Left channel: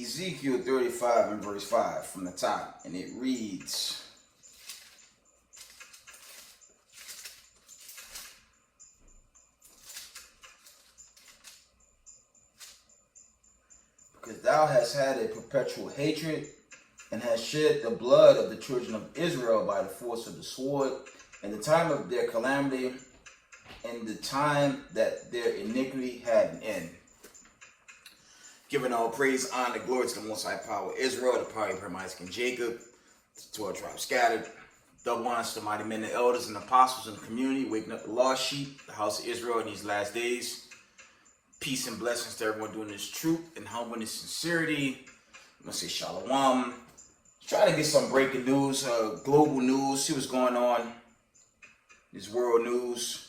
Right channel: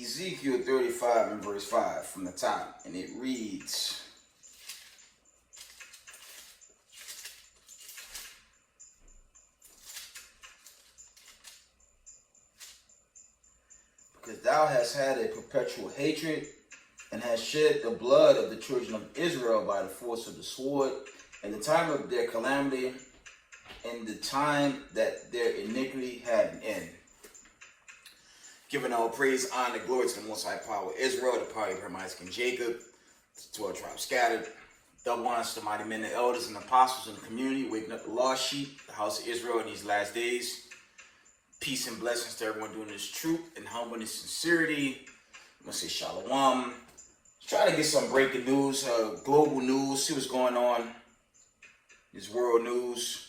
Ezekiel 35 and verse 5 from the top, and it reads, because thou hast had a perpetual hatred, and hast shed the blood of the children of Israel by the force of the sword, in the time of their calamity, in the time that their iniquity had an end. Giving all praise, honor, glory to the Most High Power of Israel, the power of Abraham, Isaac, and Jacob, the 12 tribes scattered. Double honors to the mighty men, the elders, and apostles in the community, waking up the lost sheep, the house of Israel in these last days. Peace and blessings to everyone doing this truth and humbleness, sincerity. I'm going to say shalom. Try to get some breaking news, global news, see what's going on. This world news.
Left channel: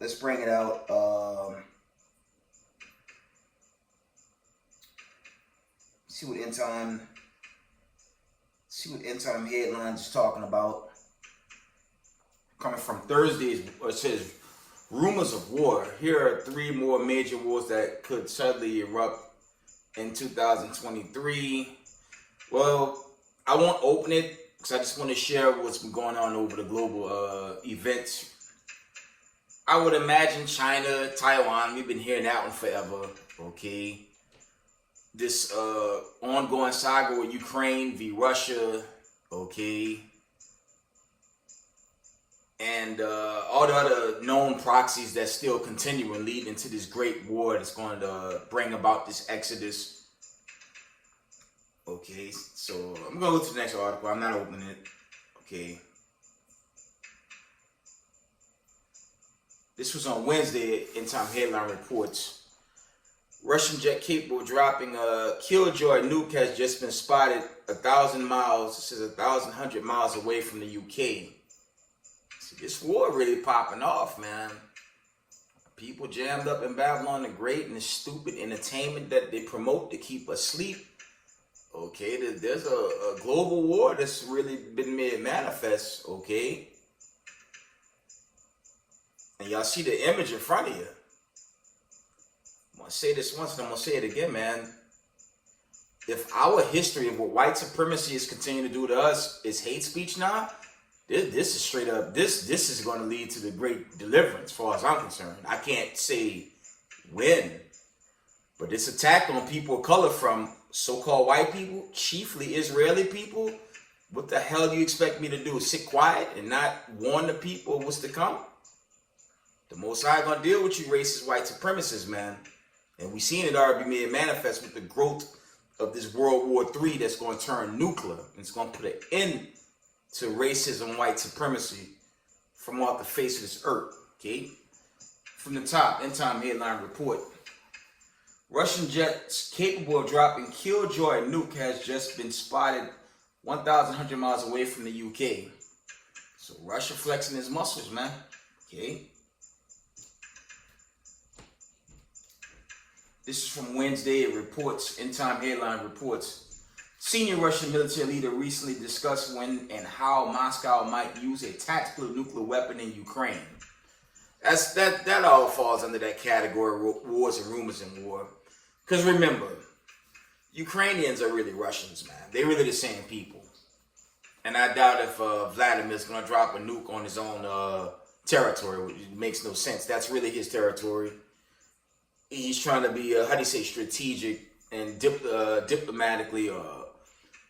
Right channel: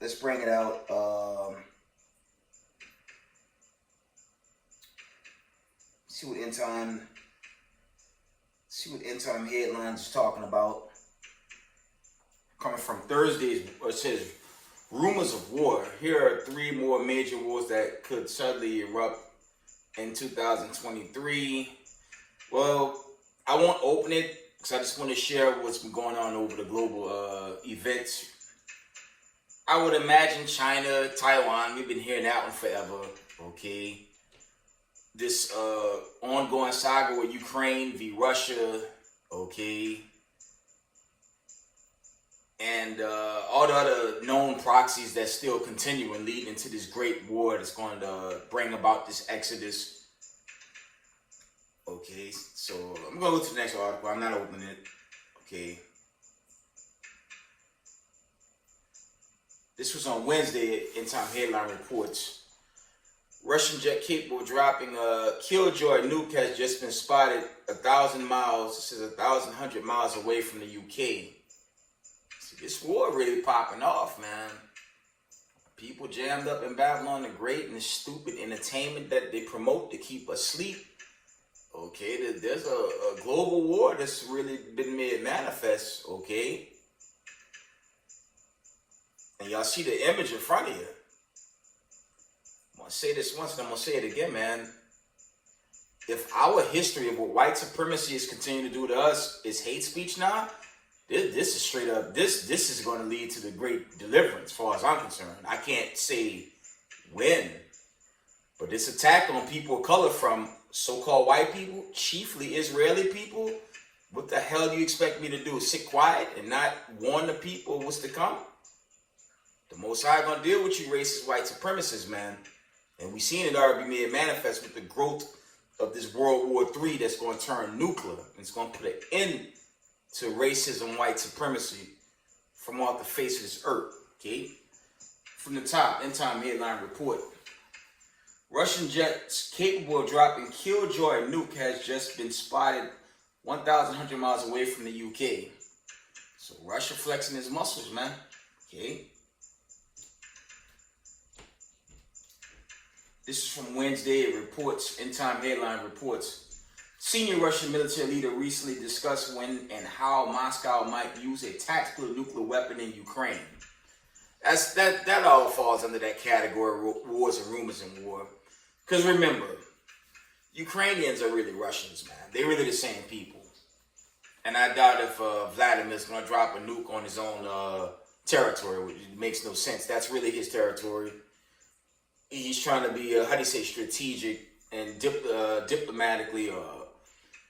Let's bring it out. See what end time headlines is talking about. Coming from Thursday's, it says rumors of war. Here are 3 more major wars that could suddenly erupt in 2023. Well, I won't open it because I just want to share what's been going on over the global events. I would imagine China, Taiwan, we've been hearing that one forever, okay? This ongoing saga with Ukraine v. Russia, okay? And all the other known proxies that still continue and lead into this great war that's going to bring about this exodus. Okay, so I'm going to go to the next article. I'm not opening it, okay? This was on Wednesday in Time Headline Reports. Russian jet capable of dropping a Killjoy nuke has just been spotted 1,000 miles, it says 1,100 miles away from the UK. See, this war really popping off, man. People jammed up in Babylon the Great and the stupid entertainment that they promote to keep us asleep. Okay, there's a global war that's really been made manifest, okay? And y'all see the image in front of you. I'm going to say this once and I'm going to say it again, man. If our history of what white supremacy is continuing to do to us is hate speech now, this is straight up, this is going to lead to the great deliverance as far as I'm concerned. I can't say when, but this attack on people of color from so-called white people, chiefly Israeli people, what the hell do you expect me to do? Sit quiet and not warn the people of what's to come? The Most High gonna deal with you racist white supremacists, man. And we seen it already be made manifest with the growth of this World War III that's going to turn nuclear. It's going to put an end to racism, white supremacy from off the face of this earth, okay? From the top, End Time Headline Report. Russian jets capable of dropping Killjoy nuke has just been spotted 1,100 miles away from the UK. So Russia flexing his muscles, man, okay? This is from Wednesday. It reports, End Time Headline reports. Senior Russian military leader recently discussed when and how Moscow might use a tactical nuclear weapon in Ukraine. That all falls under that category, wars and rumors and war. Because remember, Ukrainians are really Russians, man. They're really the same people. And I doubt if Vladimir's going to drop a nuke on his own territory, which makes no sense. That's really his territory. He's trying to be, strategic and diplomatically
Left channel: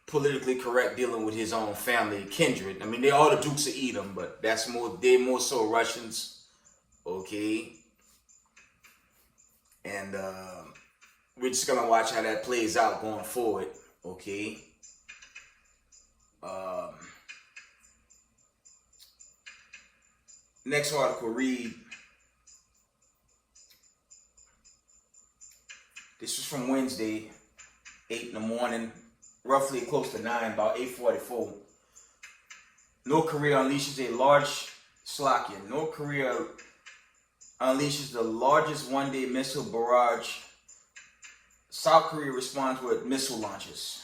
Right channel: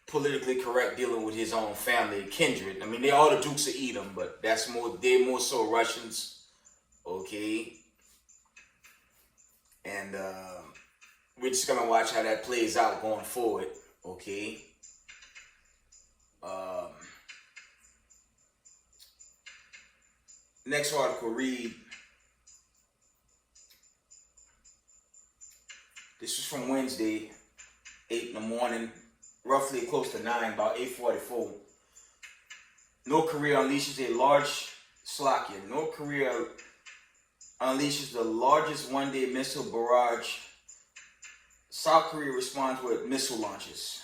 politically correct dealing with his own family, kindred. I mean, they're all the Dukes of Edom, but they're more so Russians, okay? And we're just going to watch how that plays out going forward, okay? Next article read, this is from Wednesday, 8 in the morning, roughly close to 9, about 8:44. North Korea unleashes a large Slovakia. North Korea unleashes the largest one-day missile barrage. South Korea responds with missile launches.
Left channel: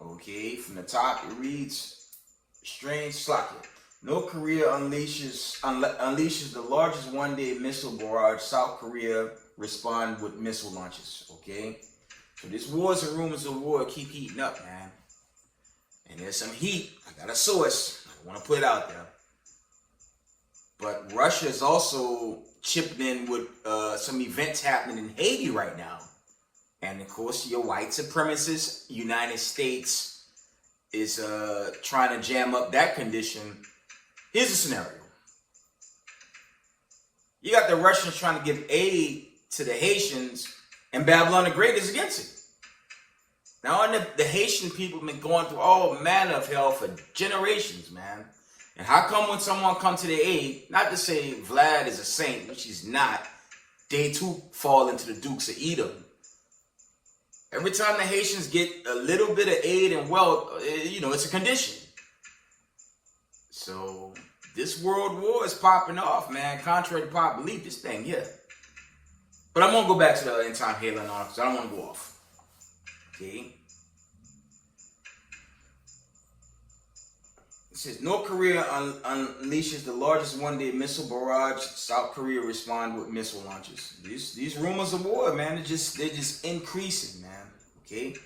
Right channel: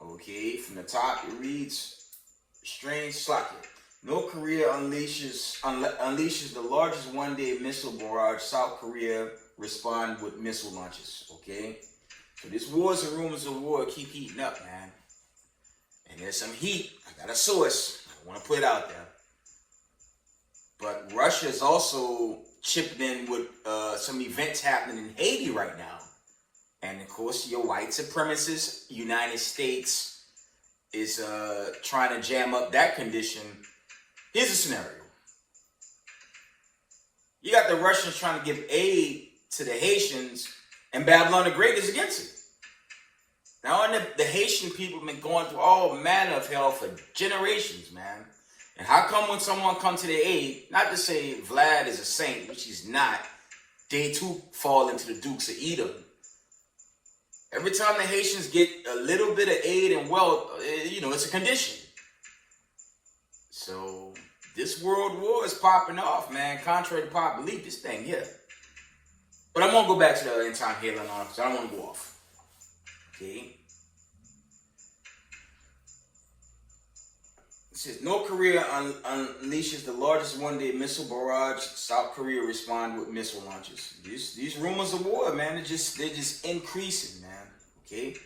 Okay, from the top it reads, strange Slovakia. North Korea unleashes the largest one-day missile barrage South Korea respond with missile launches, okay? So this wars and rumors of war keep heating up, man. And there's some heat. I got a source. I want to put it out there. But Russia is also chipping in with some events happening in Haiti right now. And of course, your white supremacist United States is trying to jam up that condition. Here's a scenario. You got the Russians trying to give aid to the Haitians, and Babylon the Great is against it. Now, the Haitian people have been going through all manner of hell for generations, man. And how come when someone comes to their aid, not to say Vlad is a saint, which he's not, they too fall into the Dukes of Edom. Every time the Haitians get a little bit of aid and wealth, it's a condition. So this world war is popping off, man. Contrary to popular belief, this thing here. But I'm going to go back to the end time headline on because I don't want to go off. Okay. It says North Korea unleashes the largest one-day missile barrage. South Korea respond with missile launches. These rumors of war, man, they're just increasing, man. Okay.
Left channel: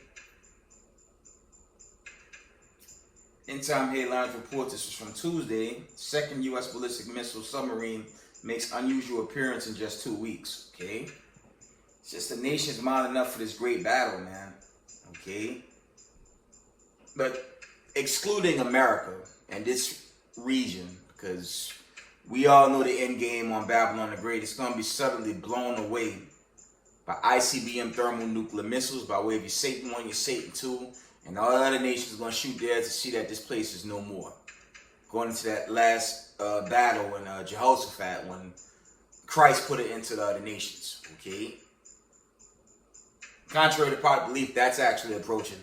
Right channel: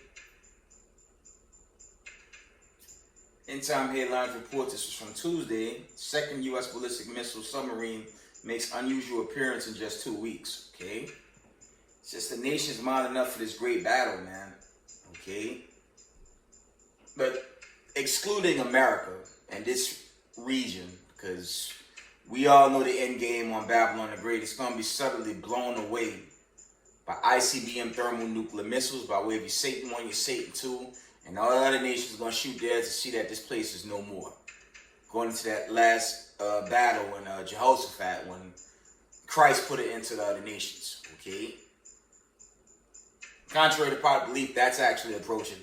End time headlines report this was from Tuesday. Second U.S. ballistic missile submarine makes unusual appearance in just 2 weeks. Okay. It's just the nation's mounting up for this great battle, man. Okay. But excluding America and this region, because we all know the end game on Babylon the Great, it's going to be suddenly blown away by ICBM thermonuclear missiles by way of your Satan 1, your Satan 2, and all the other nations are going to shoot theirs to see that this place is no more. Going into that last battle in Jehoshaphat when Christ put it into the other nations. Okay. Contrary to popular belief, that's actually approaching.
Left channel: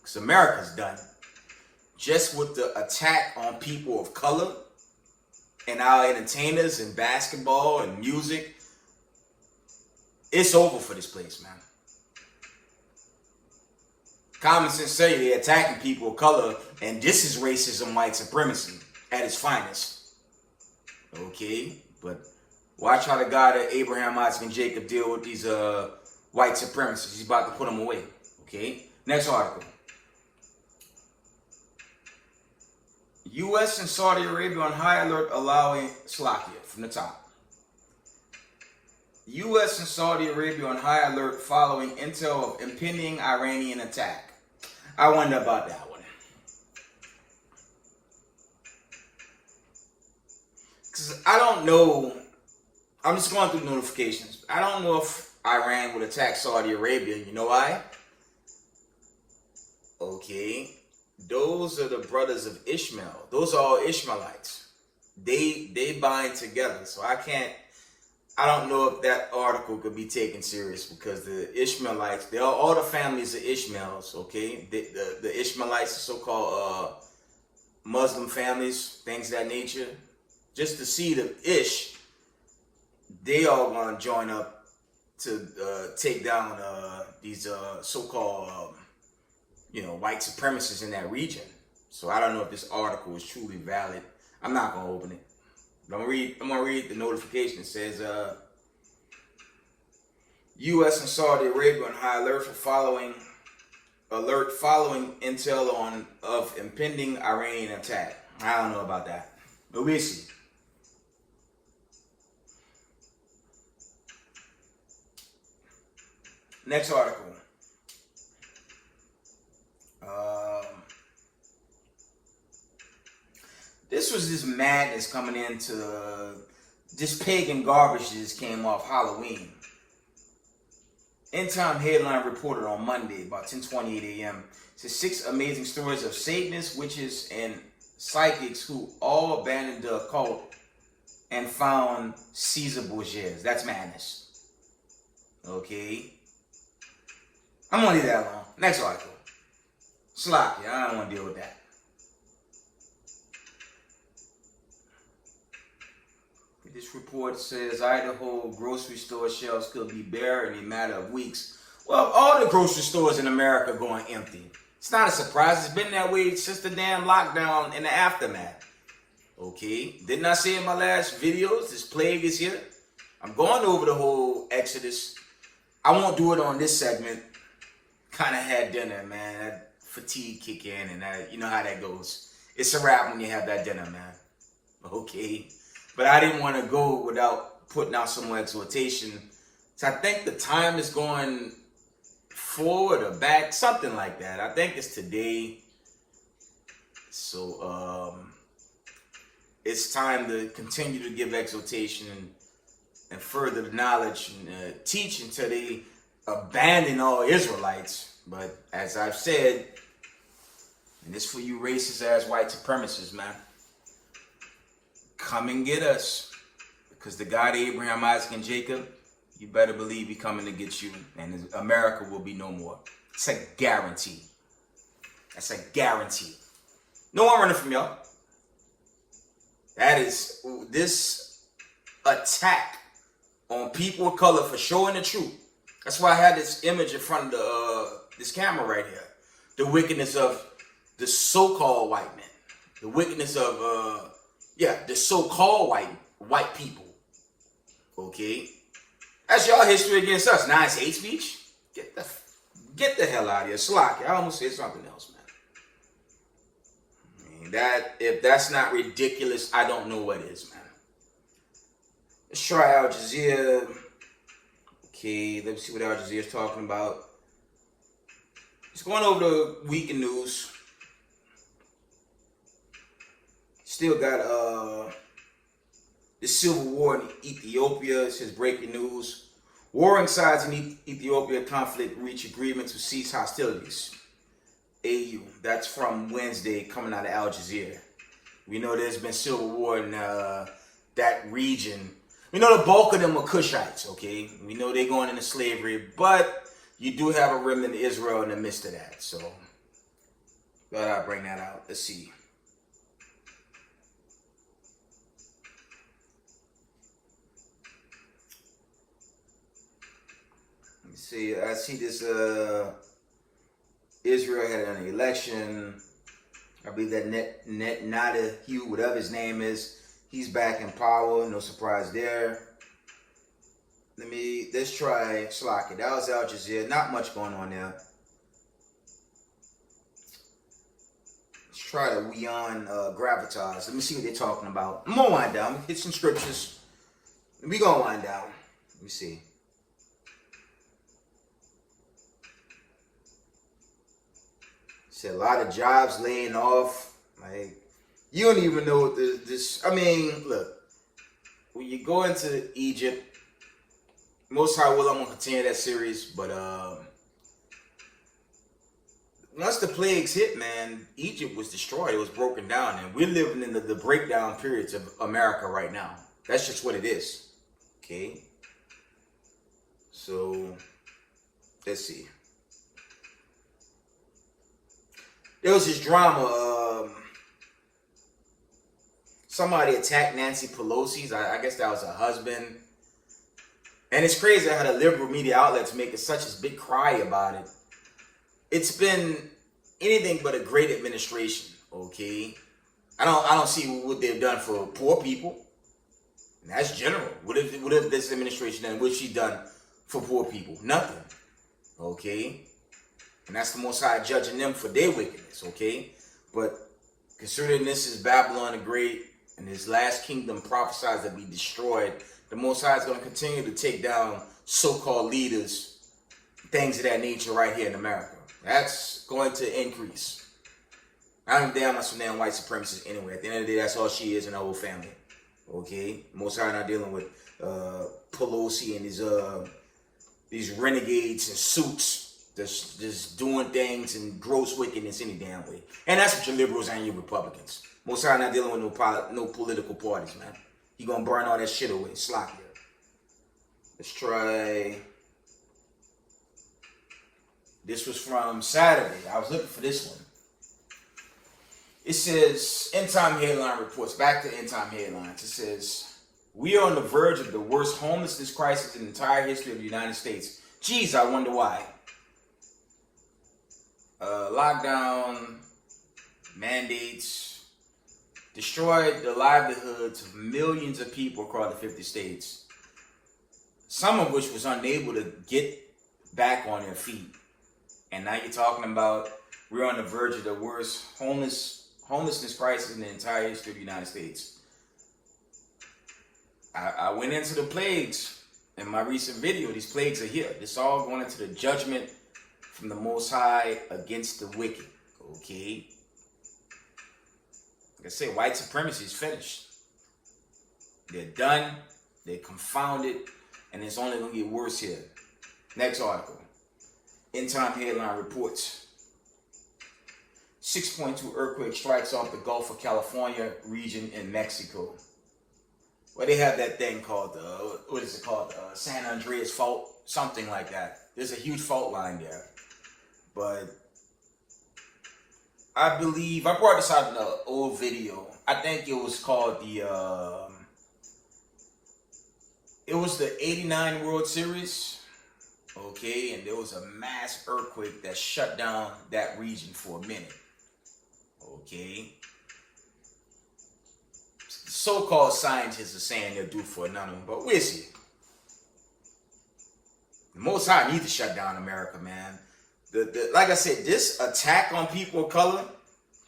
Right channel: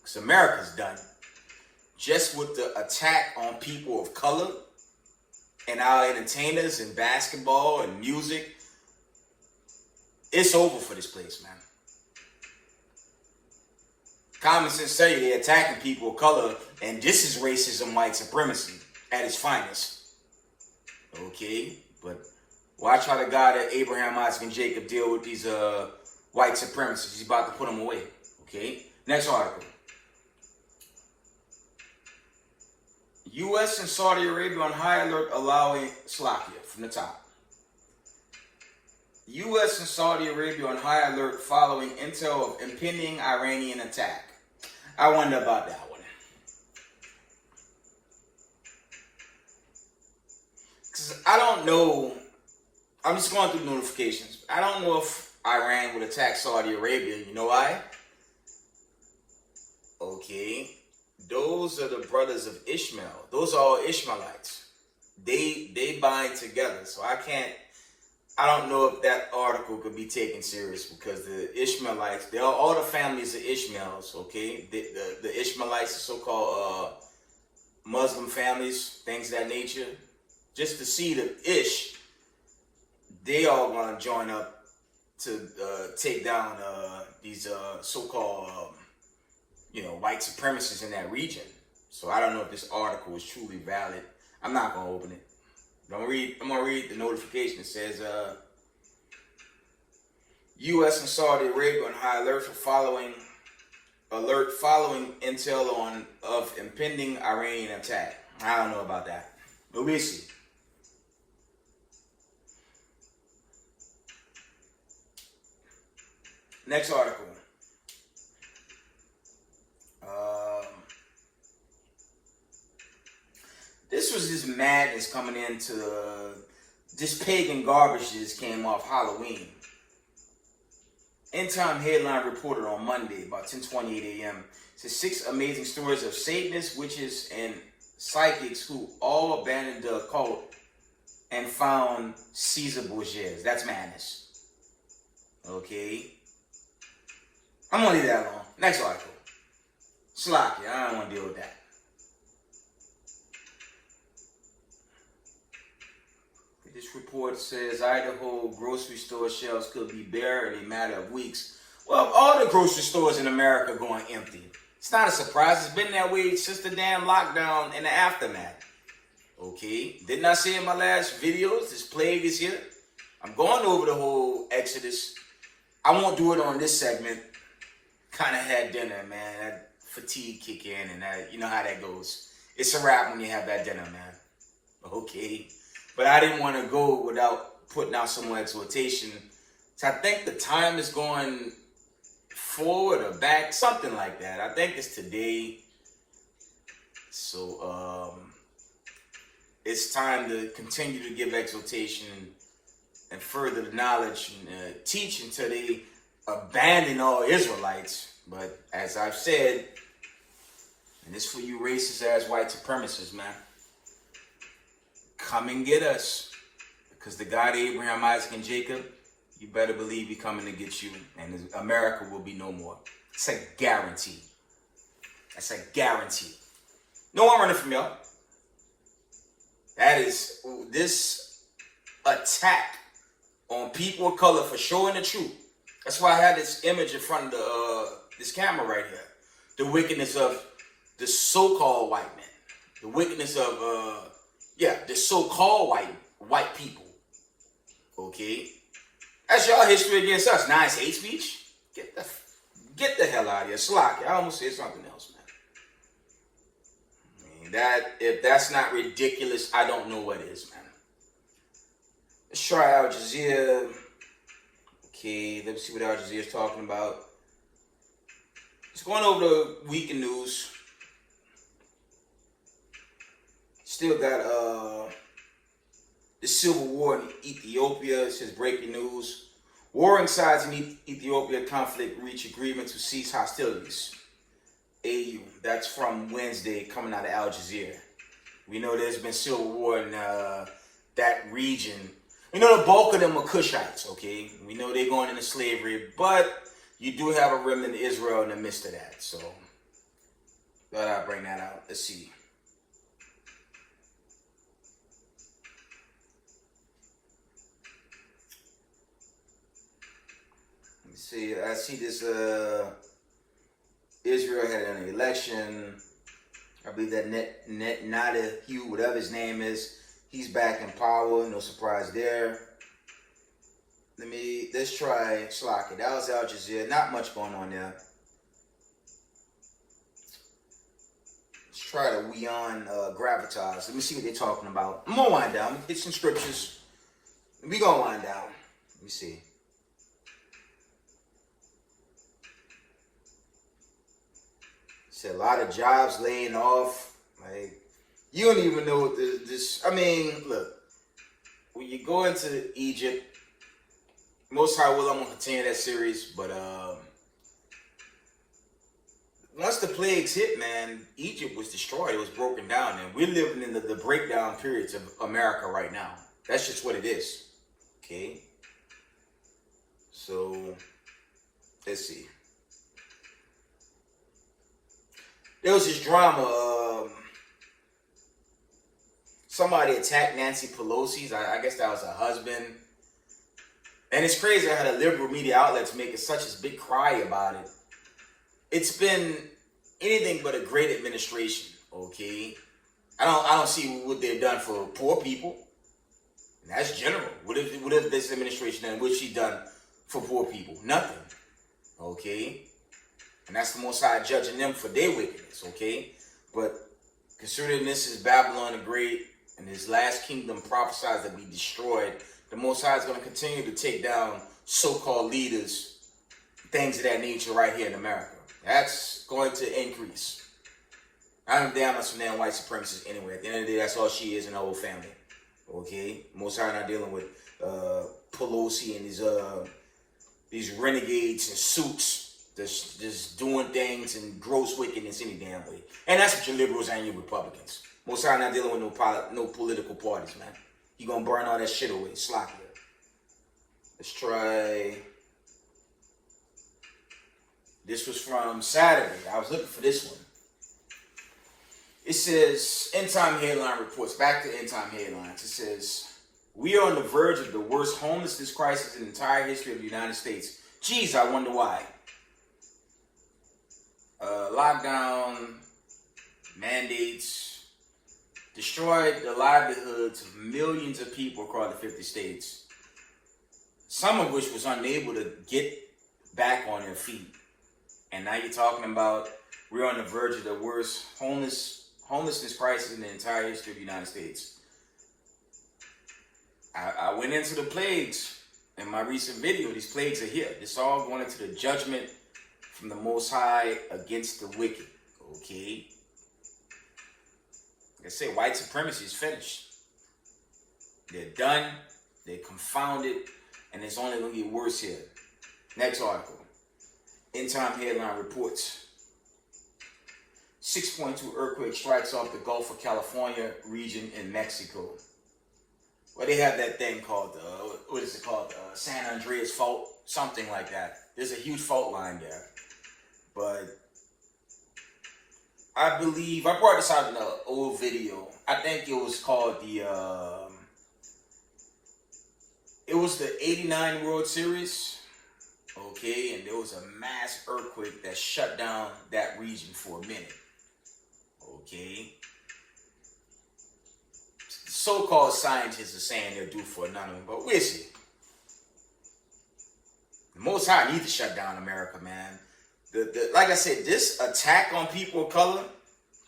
Because America's done. Just with the attack on people of color and our entertainers and basketball and music, it's over for this place, man. Common sense say you're attacking people of color, and this is racism, white supremacy at its finest. Okay? But watch how the God that Abraham, Isaac, and Jacob deal with these white supremacists. He's about to put them away. Okay? Next article. U.S. and Saudi Arabia on high alert allowing Slovakia from the top. U.S. and Saudi Arabia on high alert following intel of impending Iranian attack. I wonder about that one. Because I don't know. I'm just going through notifications. I don't know if Iran would attack Saudi Arabia. You know why? Okay. Those are the brothers of Ishmael. Those are all Ishmaelites. They bind together. So I don't know if that article could be taken serious because the Ishmaelites, they are all the families of Ishmaels, okay? The Ishmaelites, the so-called Muslim families, things of that nature. Just the seed of Ish, they all want to join up to take down these so-called white supremacists in that region. So I don't know if this article is truly valid. I'm not gonna open it. I'm gonna read the notification. It says U.S. and Saudi Arabia on high alert following intel of impending Iranian attack. I don't know about that, but we'll see. Next article. This was this madness coming into this pagan garbage that just came off Halloween. End Time headline reported on Monday about 10:28 a.m. says 6 amazing stories of Satanists, witches, and psychics who all abandoned the occult and found Caesar Borgias. That's madness. Okay. I'm gonna leave that alone. Next article. Slovakia. I don't want to deal with that. This report says Idaho grocery store shelves could be bare in a matter of weeks. Well, all the grocery stores in America are going empty. It's not a surprise. It's been that way since the damn lockdown and the aftermath. Okay. Didn't I say in my last videos, this plague is here? I'm going over the whole Exodus. I won't do it on this segment. Kind of had dinner, man. That fatigue kick in, and that, you know how that goes. It's a wrap when you have that dinner, man. Okay. But I didn't want to go without putting out some more exhortation. So I think the time is going forward or back, something like that. I think it's today. So it's time to continue to give exhortation and further the knowledge and teach until they abandon all Israelites. But as I've said, and this for you racist ass white supremacists, man, come and get us, because the God Abraham, Isaac, and Jacob, you better believe he's coming to get you, and America will be no more. It's a guarantee. That's a guarantee. No one running from y'all. That is this attack on people of color for showing the truth. That's why I had this image in front of this camera right here. The wickedness of the so-called white men. The wickedness of the so-called white people. Okay? That's y'all history against us. Now it's hate speech. Get the hell out of here. Slack. I almost said something else, man. If that's not ridiculous, I don't know what is, man. Let's try Al Jazeera. Okay, let's see what Al Jazeera is talking about. Just going over the weekend news. Still got the civil war in Ethiopia. It says breaking news. Warring sides in Ethiopia conflict reach agreement to cease hostilities. AU. That's from Wednesday, coming out of Al Jazeera. We know there's been civil war in that region. We know the bulk of them are Cushites, okay? We know they're going into slavery, but you do have a remnant of Israel in the midst of that. So, but I'll bring that out. Let's see. Let me see. I see this. Israel had an election. I believe that Netanyahu, whatever his name is, he's back in power. No surprise there. Let's try Slocky. That was Al Jazeera. Not much going on there. Let's try the Weon Gravitas. Let me see what they're talking about. I'm gonna wind down. Hit some scriptures. We gonna wind down. Let me see. Said a lot of jobs laying off. Like, you don't even know what this. I mean, look, when you go into Egypt, most high will, I'm gonna continue that series. But once the plagues hit, man, Egypt was destroyed. It was broken down, and we're living in the breakdown periods of America right now. That's just what it is. Okay. So let's see. There was this drama. Somebody attacked Nancy Pelosi's. I guess that was her husband. And it's crazy how the liberal media outlets make such a big cry about it. It's been anything but a great administration. Okay, I don't see what they've done for poor people. And that's general. What if this administration done? What she done for poor people? Nothing. Okay. And that's the Most High judging them for their wickedness, okay? But considering this is Babylon the Great and his last kingdom prophesied to be destroyed, the Most High is going to continue to take down so-called leaders, things of that nature right here in America. That's going to increase. I'm damn not some damn white supremacist anyway. At the end of the day, that's all she is and her whole family, okay? Most High not dealing with Pelosi and these renegades in suits. Just doing things and gross wickedness any damn way. And that's what your liberals and your Republicans. Most High not dealing with no political parties, man. You gonna burn all that shit away. Sloppy. Let's try. This was from Saturday. I was looking for this one. It says, End Time Headline Reports. Back to End Time Headlines. It says, we are on the verge of the worst homelessness crisis in the entire history of the United States. Geez, I wonder why. Lockdown, mandates, destroyed the livelihoods of millions of people across the 50 states. some of which was unable to get back on their feet. And now you're talking about we're on the verge of the worst homelessness crisis in the entire history of the United States. I went into the plagues in my recent video. These plagues are here. This all going into the judgment from the Most High against the wicked. Okay? Like I said, white supremacy is finished. They're done. They're confounded. And it's only going to get worse here. Next article. End time headline reports. 6.2 earthquake strikes off the Gulf of California region in Mexico. Well, they have that thing called, what is it called? San Andreas fault, something like that. There's a huge fault line there. But I believe, I brought this out in an old video. I think it was called it was the 89 World Series. Okay, and there was a mass earthquake that shut down that region for a minute. Okay. So-called scientists are saying they're due for another one, but we'll see. The Most High needs to shut down America, man. Like I said, this attack on people of color,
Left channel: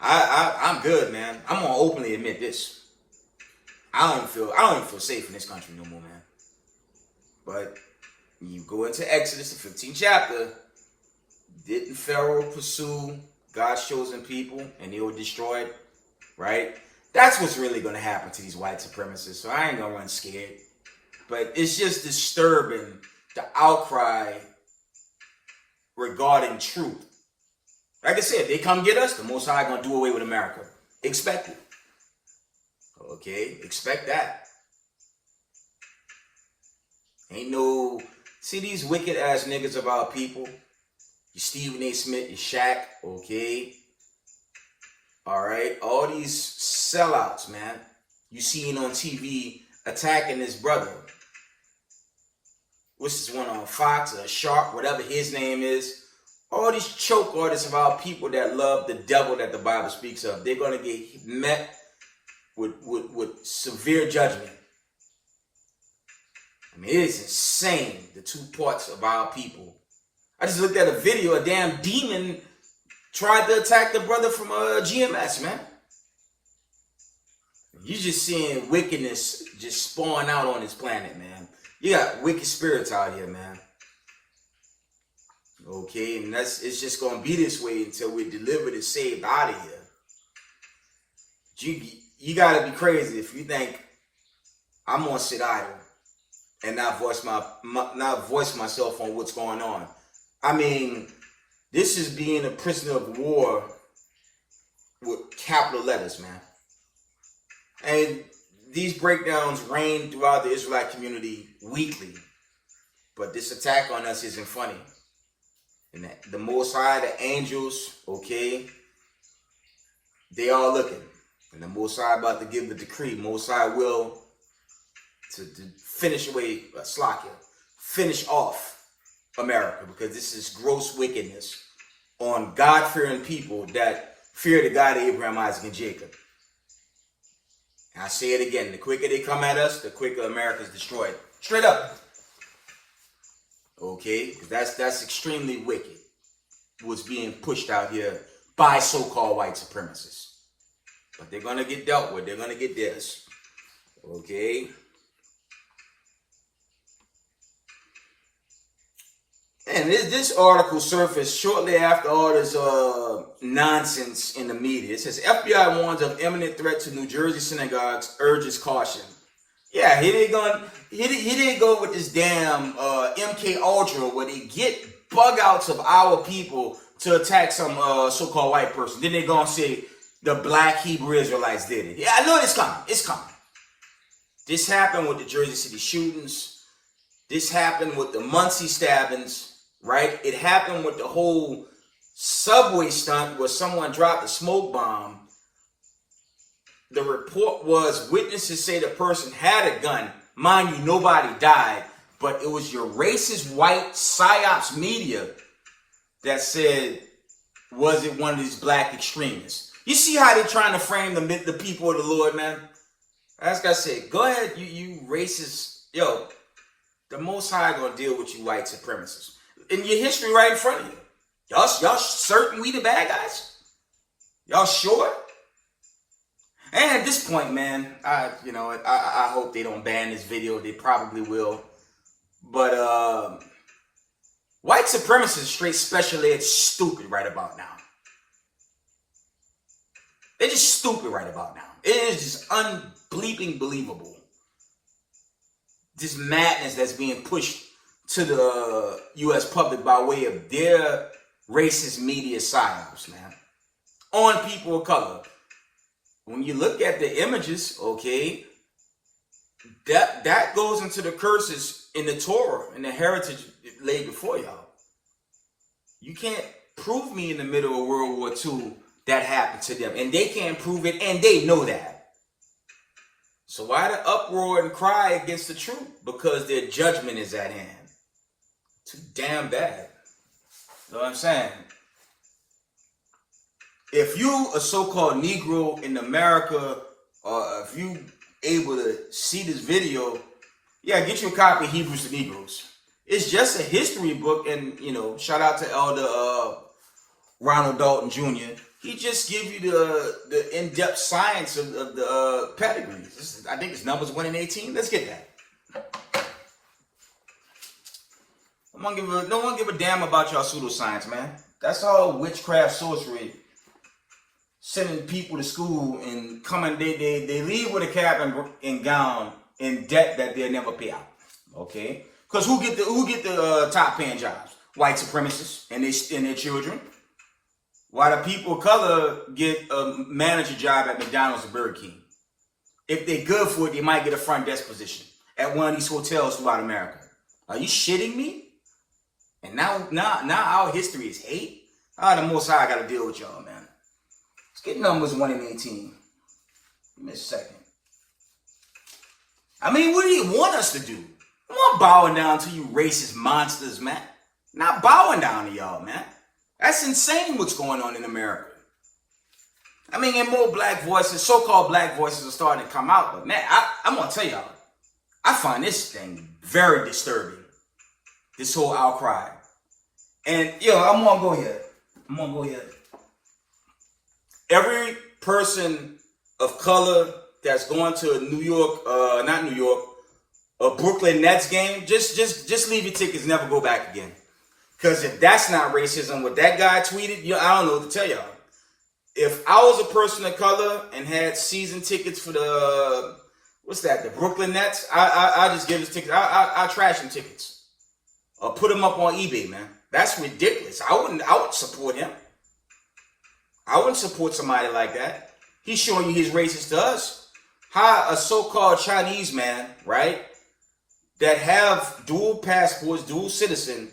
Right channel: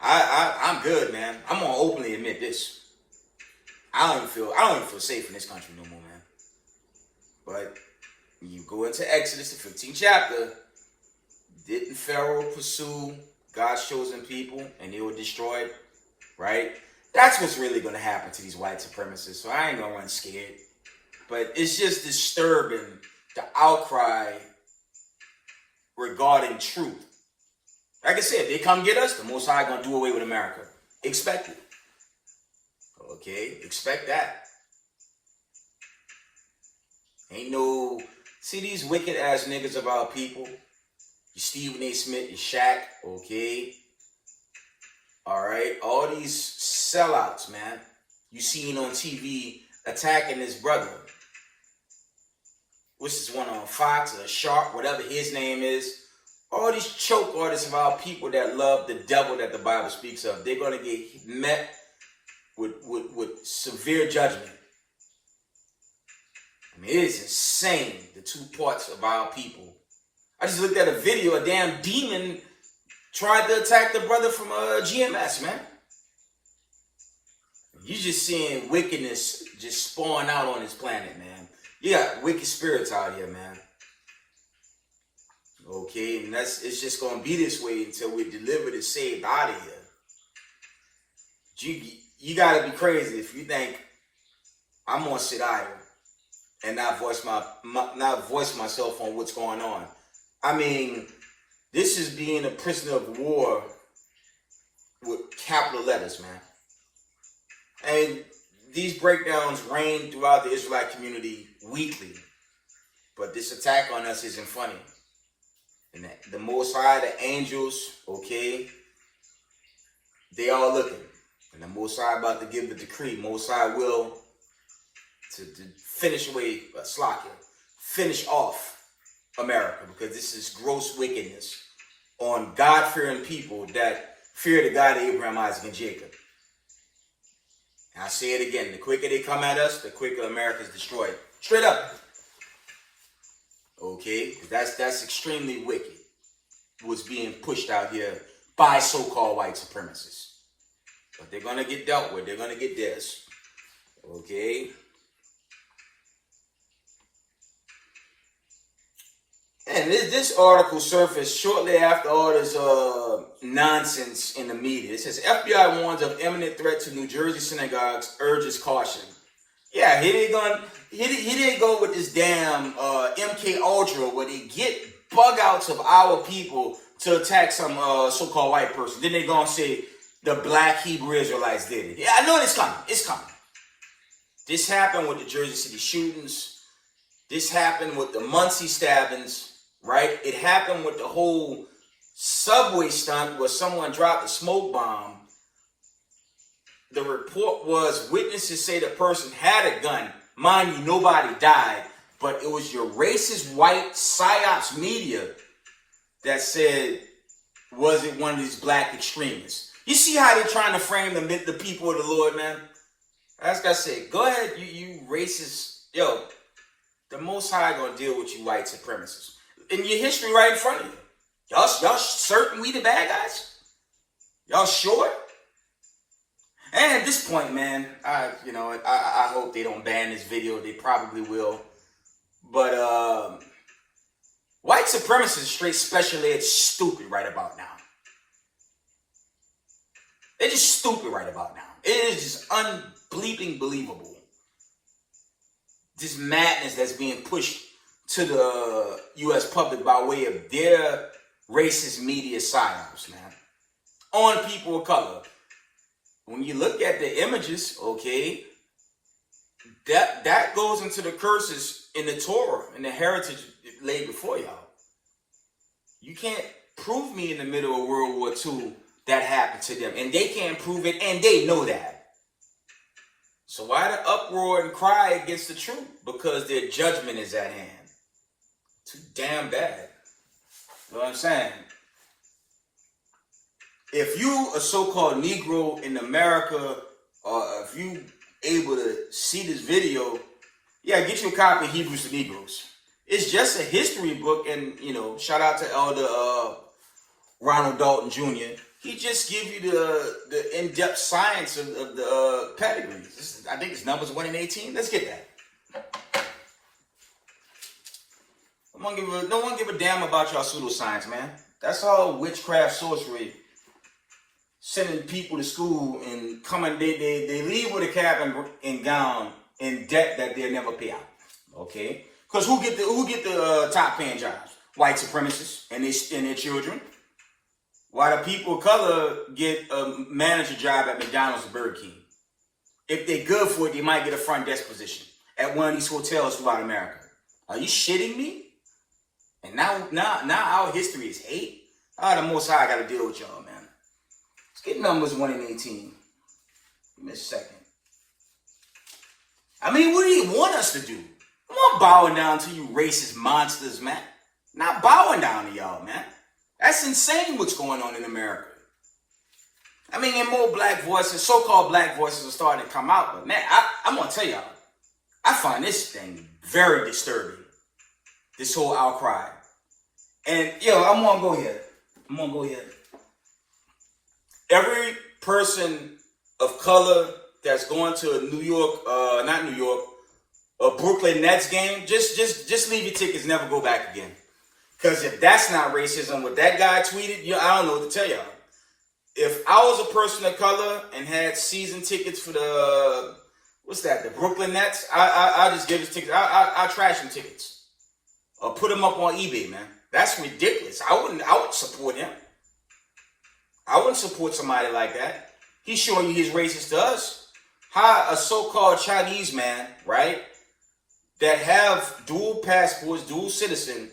I'm good, man. I'm gonna openly admit this. I don't even feel safe in this country no more, man. But you go into Exodus, the 15th chapter. Didn't Pharaoh pursue God's chosen people and they were destroyed? Right? That's what's really going to happen to these white supremacists. So I ain't going to run scared. But it's just disturbing, the outcry regarding truth. Like I said, if they come get us, the Most High going to do away with America. Expect it. Okay? Expect that. Ain't no... See these wicked ass niggas of our people? You Stephen A. Smith, you Shaq, okay? Alright? All these sellouts, man. You seen on TV attacking his brother. What's this one on Fox or Sharp, whatever his name is? All these choke artists of our people that love the devil that the Bible speaks of. They're going to get met with severe judgment. I mean, it is insane, the two parts of our people. I just looked at a video, a damn demon tried to attack the brother from GMS, man. You just seeing wickedness just spawn out on this planet, man. You got wicked spirits out here, man. Okay, and it's just going to be this way until we're delivered and saved out of here. You got to be crazy if you think I'm going to sit idle and not voice myself on what's going on. I mean, this is being a prisoner of war with capital letters, man. And these breakdowns reign throughout the Israelite community weekly. But this attack on us isn't funny. And the Most High, the angels, okay, they all looking. And the Most High about to give the decree. Most High will to finish away Slakia, finish off America, because this is gross wickedness on God-fearing people that fear the God of Abraham, Isaac, and Jacob. And I say it again, the quicker they come at us, the quicker America is destroyed. Straight up. Okay? That's extremely wicked. What's being pushed out here by so-called white supremacists. But they're going to get dealt with. They're going to get theirs. Okay? And this article surfaced shortly after all this nonsense in the media. It says, FBI warns of imminent threat to New Jersey synagogues, urges caution. Yeah, here they go with this damn MK Ultra where they get bug outs of our people to attack some so-called white person. Then they gonna say the black Hebrew Israelites did it. Yeah, I know it's coming. It's coming. This happened with the Jersey City shootings. This happened with the Muncie stabbings. Right? It happened with the whole subway stunt where someone dropped a smoke bomb. The report was witnesses say the person had a gun. Mind you, nobody died. But it was your racist white psyops media that said, was it one of these black extremists? You see how they're trying to frame the people of the Lord, man? As I said, go ahead, you racist. Yo, The Most High gonna deal with you white supremacists. In your history right in front of you. Y'all certain we the bad guys? Y'all sure? And at this point, man, I hope they don't ban this video. They probably will. But white supremacists, straight special ed, stupid right about now. They're just stupid right about now. It is just unbleeping believable. This madness that's being pushed to the U.S. public by way of their racist media psyops, man, on people of color. When you look at the images, okay, that goes into the curses in the Torah and the heritage laid before y'all. You can't prove me in the middle of World War II that happened to them, and they can't prove it, and they know that. So why the uproar and cry against the truth? Because their judgment is at hand. Too damn bad. You know what I'm saying? If you a so-called Negro in America, or if you able to see this video, yeah, get you a copy of Hebrews to Negroes. It's just a history book, and shout out to Elder Ronald Dalton Jr. He just give you the in-depth science of the pedigrees. I think it's numbers 1 and 18. Let's get that. No one give a damn about y'all pseudoscience, man. That's all witchcraft, sorcery. Sending people to school and coming, they leave with a cap and gown in debt that they'll never pay out. Okay? Because who get the top paying jobs? White supremacists and their children. While the people of color get a manager job at McDonald's or Burger King. If they're good for it, they might get a front desk position at one of these hotels throughout America. Are you shitting me? And now our history is hate? The Most High got to deal with y'all, man. Let's get numbers 1 and 18. Give me a second. I mean, what do you want us to do? I'm not bowing down to you racist monsters, man. Not bowing down to y'all, man. That's insane what's going on in America. I mean, and more black voices, so-called black voices are starting to come out. But man, I'm going to tell y'all, I find this thing very disturbing. This whole outcry. And, I'm going to go here. Every person of color that's going to a a Brooklyn Nets game, just leave your tickets, never go back again. Because if that's not racism, what that guy tweeted, I don't know what to tell y'all. If I was a person of color and had season tickets for the Brooklyn Nets, I just give his tickets. I trash them tickets. Or put them up on eBay, man. That's ridiculous. I wouldn't support him. I wouldn't support somebody like that. He's showing you he's racist to us. How a so-called Chinese man, right, that have dual passports, dual citizen,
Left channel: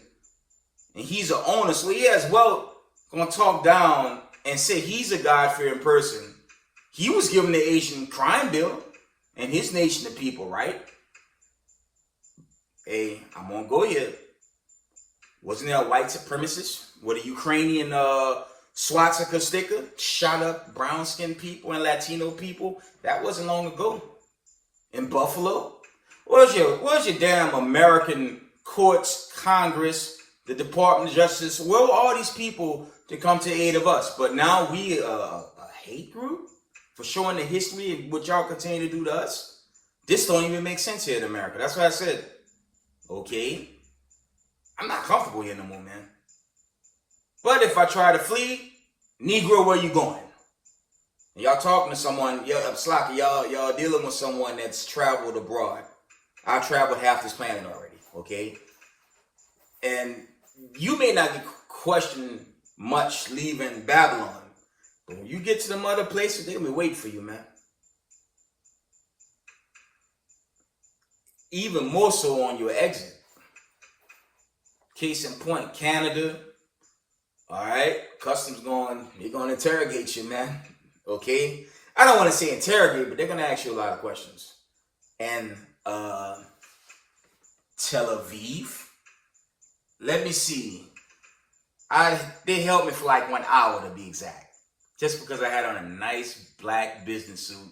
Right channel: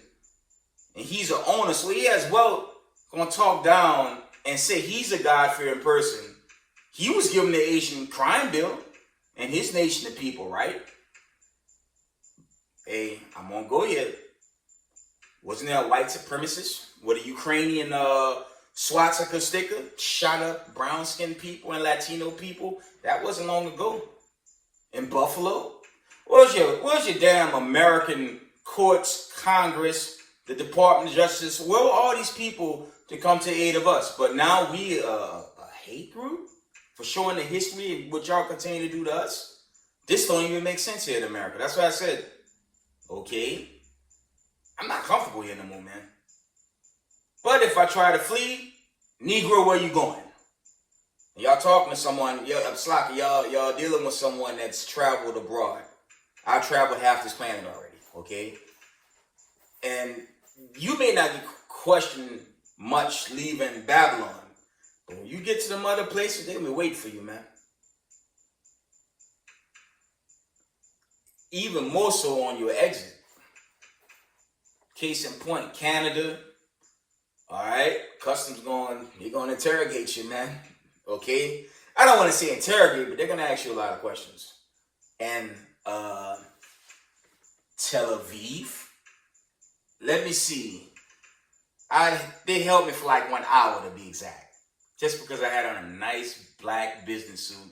and he's an owner, so he as well gonna talk down and say he's a God-fearing person. He was given the Asian crime bill and his nation of people, right? Hey, I'm gonna go here. Wasn't there a white supremacist with a Ukrainian swastika sticker shot up brown-skinned people and Latino people? That wasn't long ago. In Buffalo? Where's your damn American courts, Congress, the Department of Justice? Where were all these people to come to aid of us? But now we a hate group for showing the history of what y'all continue to do to us? This don't even make sense here in America. That's why I said, okay, I'm not comfortable here no more, man. But if I try to flee, Negro, where you going? And y'all talking to someone, y'all dealing with someone that's traveled abroad. I traveled half this planet already, okay? And you may not get questioned much leaving Babylon. But when you get to them other places, they'll be waiting for you, man. Even more so on your exit. Case in point, Canada. All right, customs they're going to interrogate you, man. Okay? I don't want to say interrogate, but they're going to ask you a lot of questions. And Tel Aviv, let me see. They held me for like 1 hour to be exact. Just because I had on a nice black business suit.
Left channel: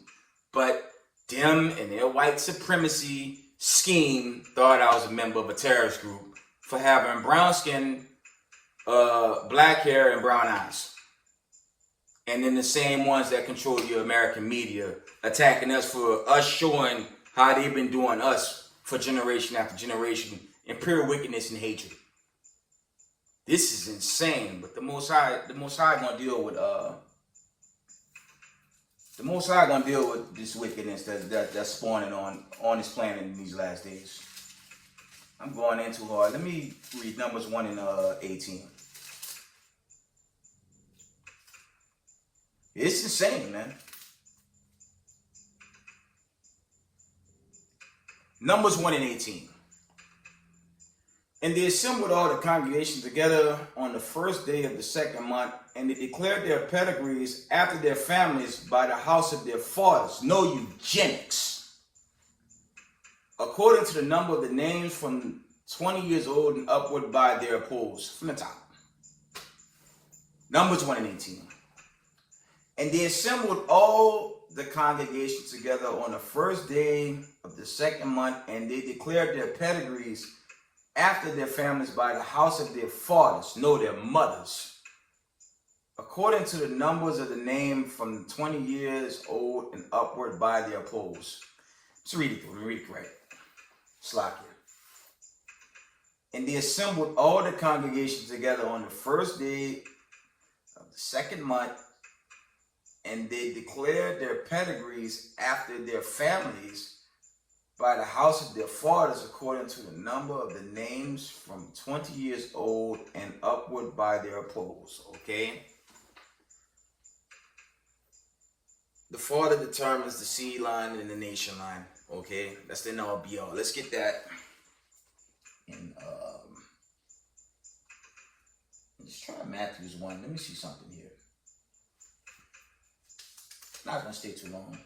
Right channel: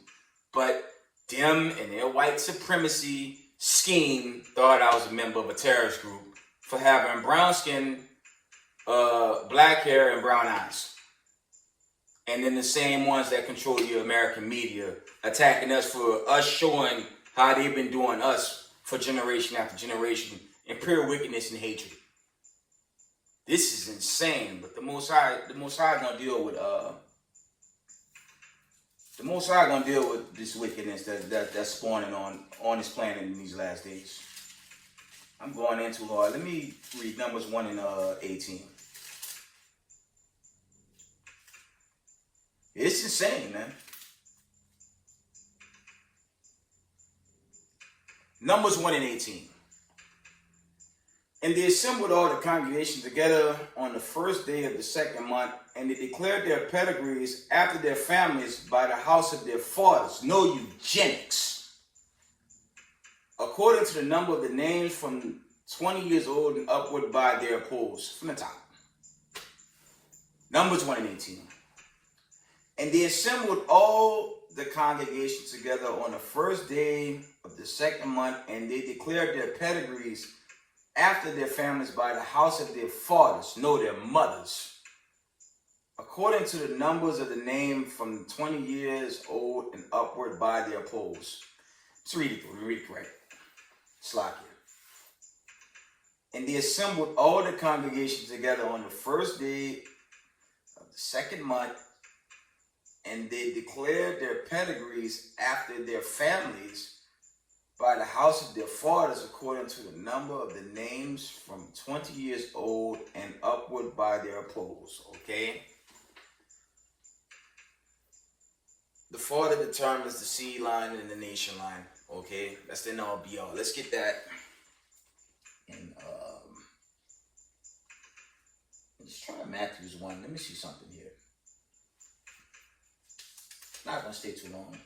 But them and their white supremacy scheme thought I was a member of a terrorist group for having brown skin, black hair, and brown eyes. And then the same ones that control your American media attacking us for us showing how they've been doing us for generation after generation in pure wickedness and hatred. This is insane, but the Most High gonna deal with this wickedness that's spawning on this planet in these last days. I'm going in too hard. Let me read Numbers 1 and 18. It's insane, man. Numbers 1 and 18. And they assembled all the congregation together on the first day of the second month, and they declared their pedigrees after their families by the house of their fathers. No eugenics. According to the number of the names from 20 years old and upward by their polls. From the top. Numbers 1 and 18. And they assembled all the congregation together on the first day of the second month, and they declared their pedigrees after their families by the house of their fathers, no, their mothers, according to the numbers of the name from 20 years old and upward by their polls. Let's read it right. Slack here. And they assembled all the congregation together on the first day of the second month, and they declared their pedigrees after their families by the house of their fathers, according to the number of the names from 20 years old and upward by their polls. Okay? The father determines the seed line and the nation line. Okay? That's the all be all. Let's get that. And let's try Matthew's 1. Let me see something here. Not going to stay too long.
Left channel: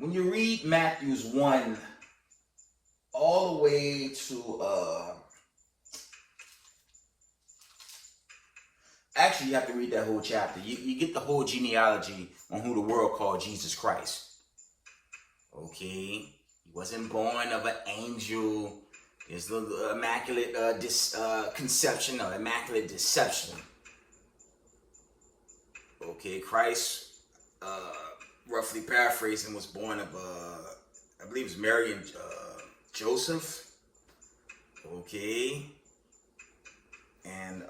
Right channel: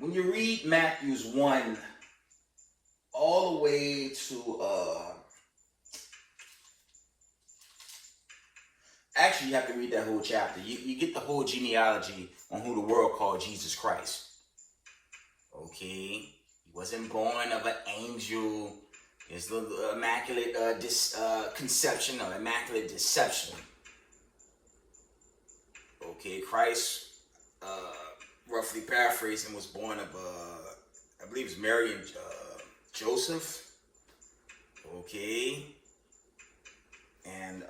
When you read Matthew's 1 all the way to, actually you have to read that whole chapter. You get the whole genealogy on who the world called Jesus Christ. Okay? He wasn't born of an angel. There's the immaculate conception or immaculate deception. Okay, Christ, roughly paraphrasing, was born of, I believe it's Mary and Joseph. Okay. And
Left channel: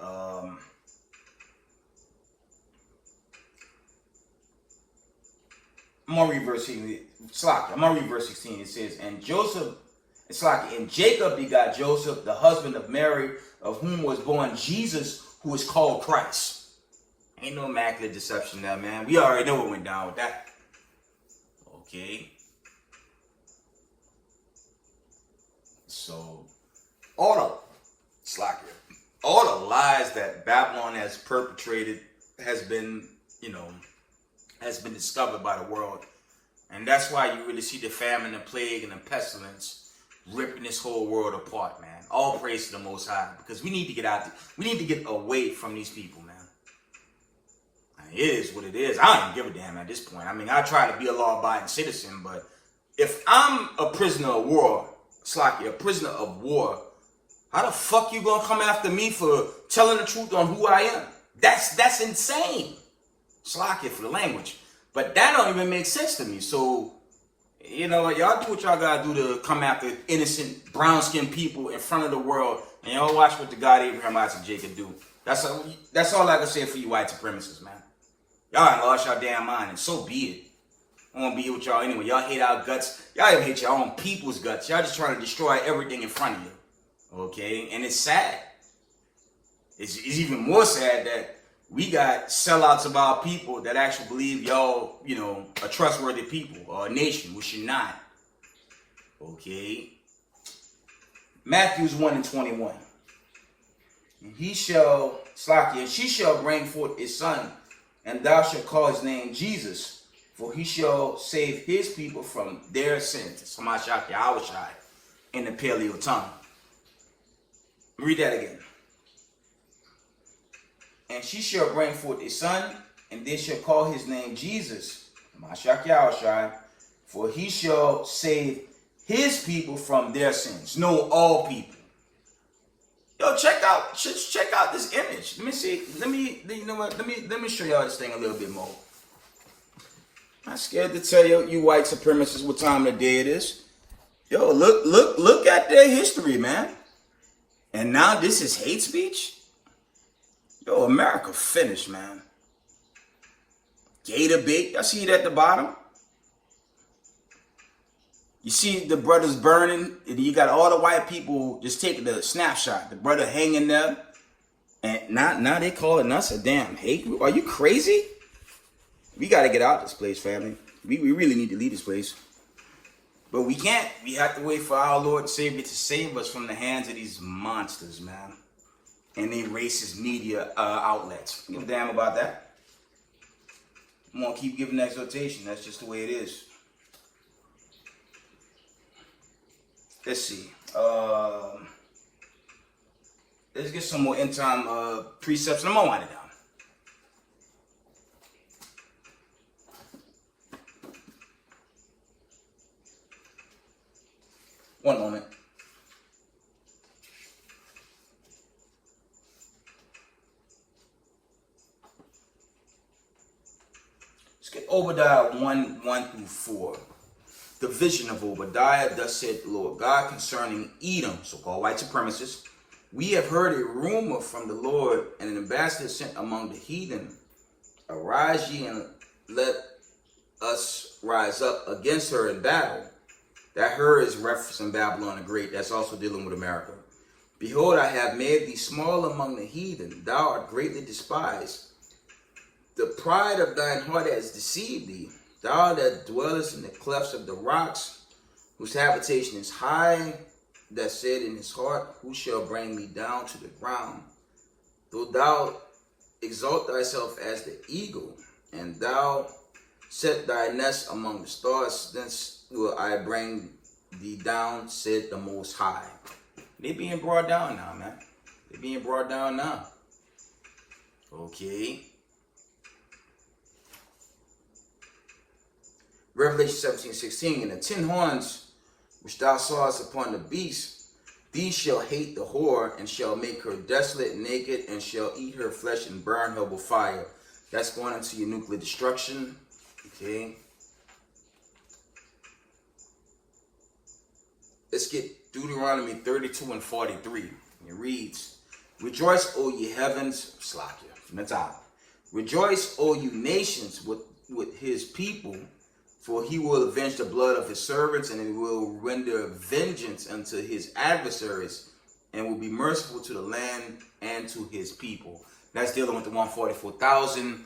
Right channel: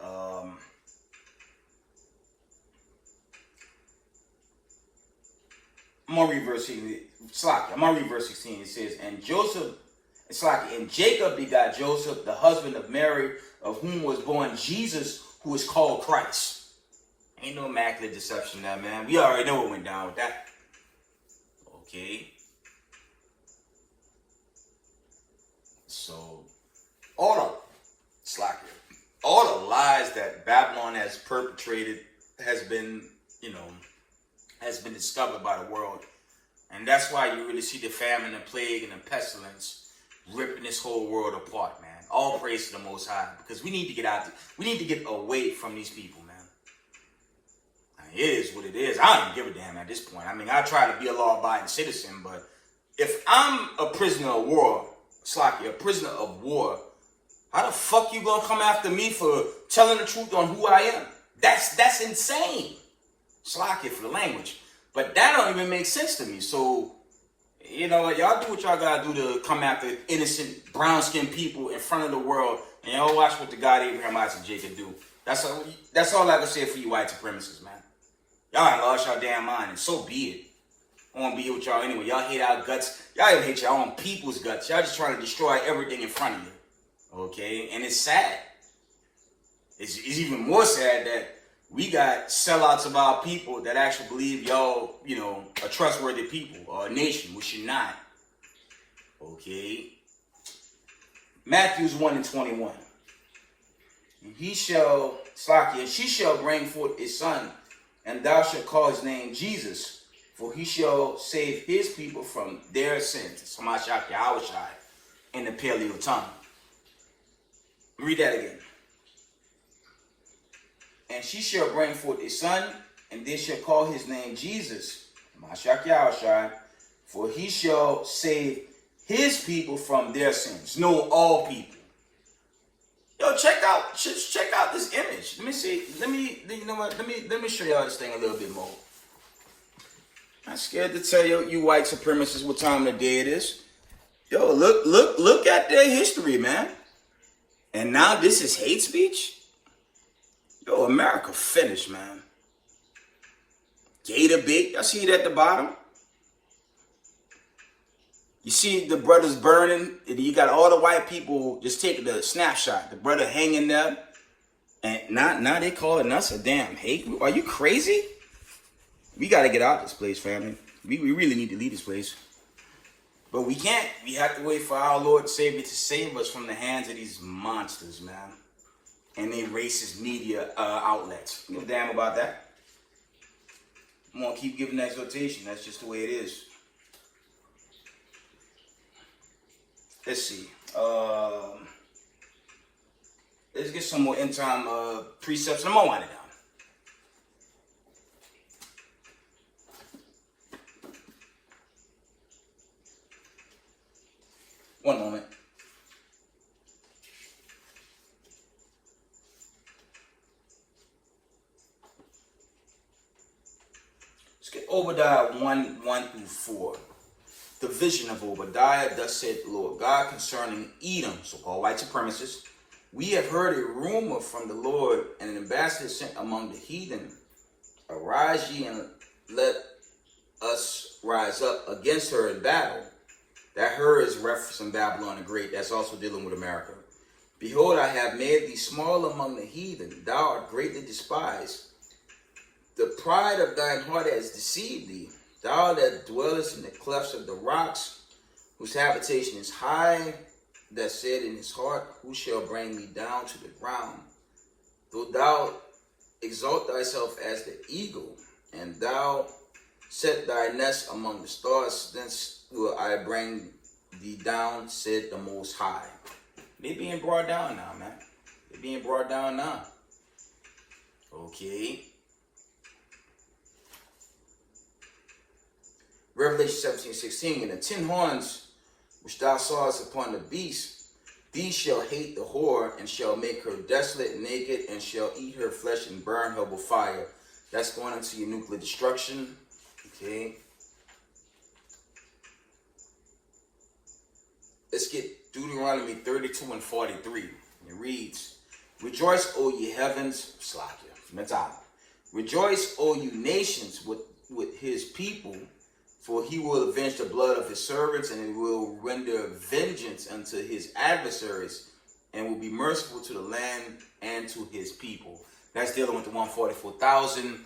I'm going to read verse 16. It says, and Jacob begot Joseph, the husband of Mary, of whom was born Jesus, who is called Christ. Ain't no immaculate deception now, man. We already know what went down with that. Okay. So, all the lies that Babylon has perpetrated has been discovered by the world. And that's why you really see the famine and plague and the pestilence ripping this whole world apart, man. All praise to the Most High. Because we need to get out there. We need to get away from these people, man. It is what it is. I don't give a damn at this point. I mean, I try to be a law-abiding citizen, but if I'm a prisoner of war, a prisoner of war, how the fuck you gonna come after me for telling the truth on who I am? That's insane. Slack it for the language. But that don't even make sense to me. So, you know, y'all do what y'all gotta do to come after innocent brown-skinned people in front of the world, and y'all watch what the God Abraham, Isaac, Jacob do. That's all I can say for you white supremacists, man. Y'all ain't lost y'all damn mind, and so be it. I won't be here with y'all anyway. Y'all hate our guts. Y'all even hate your own people's guts. Y'all just trying to destroy everything in front of you. Okay? And it's sad. It's even more sad that we got sellouts of our people that actually believe y'all, you know, are trustworthy people or a nation, which you're not. Okay? Matthews 1 and 21. And she shall bring forth a son, and thou shalt call his name Jesus, for he shall save his people from their sins. Samashak Yahushai in the Paleo tongue. Read that again. And she shall bring forth a son, and they shall call his name Jesus, Mashiach Yahushua, for he shall save his people from their sins. No, all people. Yo, check out this image. Let me see. Let me show y'all this thing a little bit more. I'm scared to tell you white supremacists what time of the day it is. Yo, look at their history, man. And now this is hate speech? Yo, America finished, man. Gator bait. Y'all see it at the bottom? You see the brothers burning, and you got all the white people just taking the snapshot. The brother hanging there. And now they calling us a damn hate group. Are you crazy? We got to get out of this place, family. We really need to leave this place. But we can't. We have to wait for our Lord and Savior to save us from the hands of these monsters, man. And they racist media outlets. You give a damn about that? I'm going to keep giving exhortation. That's just the way it is. Let's see. Let's get some more end time precepts, and I'm going to wind it down. One moment. Let's get Obadiah 1:1-4. The vision of Obadiah, thus said the Lord God concerning Edom, so-called white supremacists. We have heard a rumor from the Lord, and an ambassador sent among the heathen. Arise ye, and let us rise up against her in battle. That her is referencing Babylon the Great. That's also dealing with America. Behold, I have made thee small among the heathen. Thou art greatly despised. The pride of thine heart has deceived thee. Thou that dwellest in the clefts of the rocks, whose habitation is high, that said in his heart, who shall bring me down to the ground? Though thou exalt thyself as the eagle, and thou set thy nest among the stars, thence will I bring thee down, said the Most High. They being brought down now, man. They being brought down now. Okay. Revelation 17:16, and the 10 horns which thou sawest upon the beast, these shall hate the whore, and shall make her desolate, naked, and shall eat her flesh and burn her with fire. That's going into your nuclear destruction. Okay. Let's get Deuteronomy 32:43. It reads, Rejoice, O ye heavens, Slakia, from the top. Rejoice, O you nations, with his people, for he will avenge the blood of his servants, and he will render vengeance unto his adversaries, and will be merciful to the land and to his people. That's dealing with the 144,000